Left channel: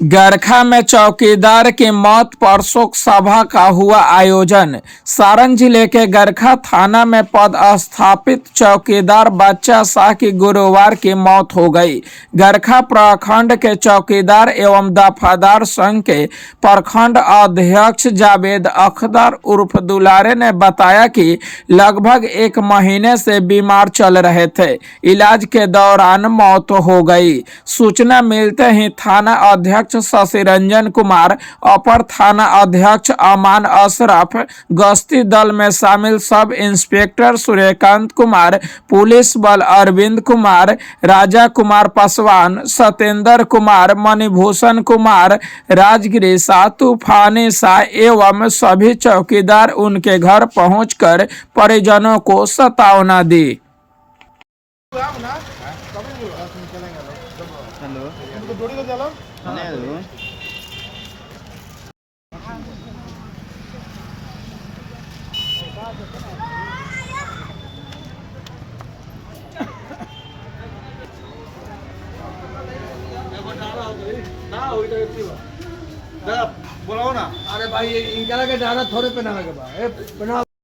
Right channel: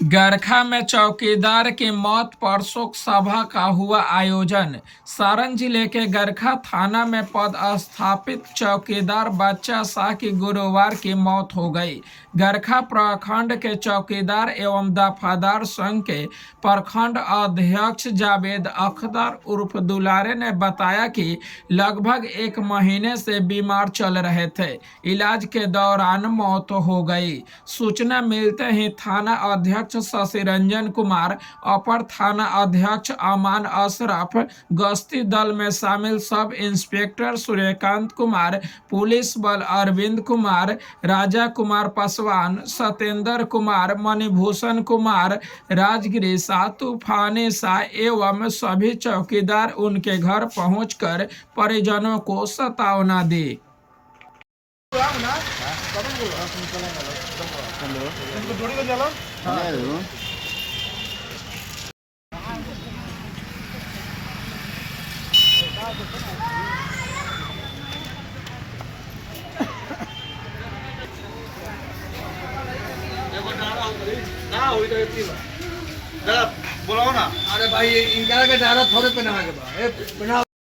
गरखा में चौकीदार की मौत पर शोक सभा का हुआ आयोजन। सारण जिले के गरखा थाना में पदस्थापित चौकीदार बच्चा शाह की गुरुवार की मौत हो गई। गरखा प्रखंड के चौकीदार एवं दफादार संघ के प्रखंड अध्यक्ष जावेद अख्तर उर्फ दुलारे ने बताया कि लगभग एक महीने से बीमार चल रहे थे। इलाज के दौरान मौत हो गई। सूचना मिलते ही थाना अध्यक्ष शशि रंजन कुमार, अपर थाना अध्यक्ष अमान अशरफ, गश्ती दल में शामिल sub inspector Suryakant Kumar, police बल अरविंद कुमार, राजा कुमार पासवान, सत्येंद्र कुमार, मणिभूषण कुमार, राजगिरी शाह, तूफानी शाह एवं सभी चौकीदार उनके घर पहुंचकर परिजनों को सांत्वना दी। बोलो ना। अरे भाई इनका के डारा थोड़े पे ना के बा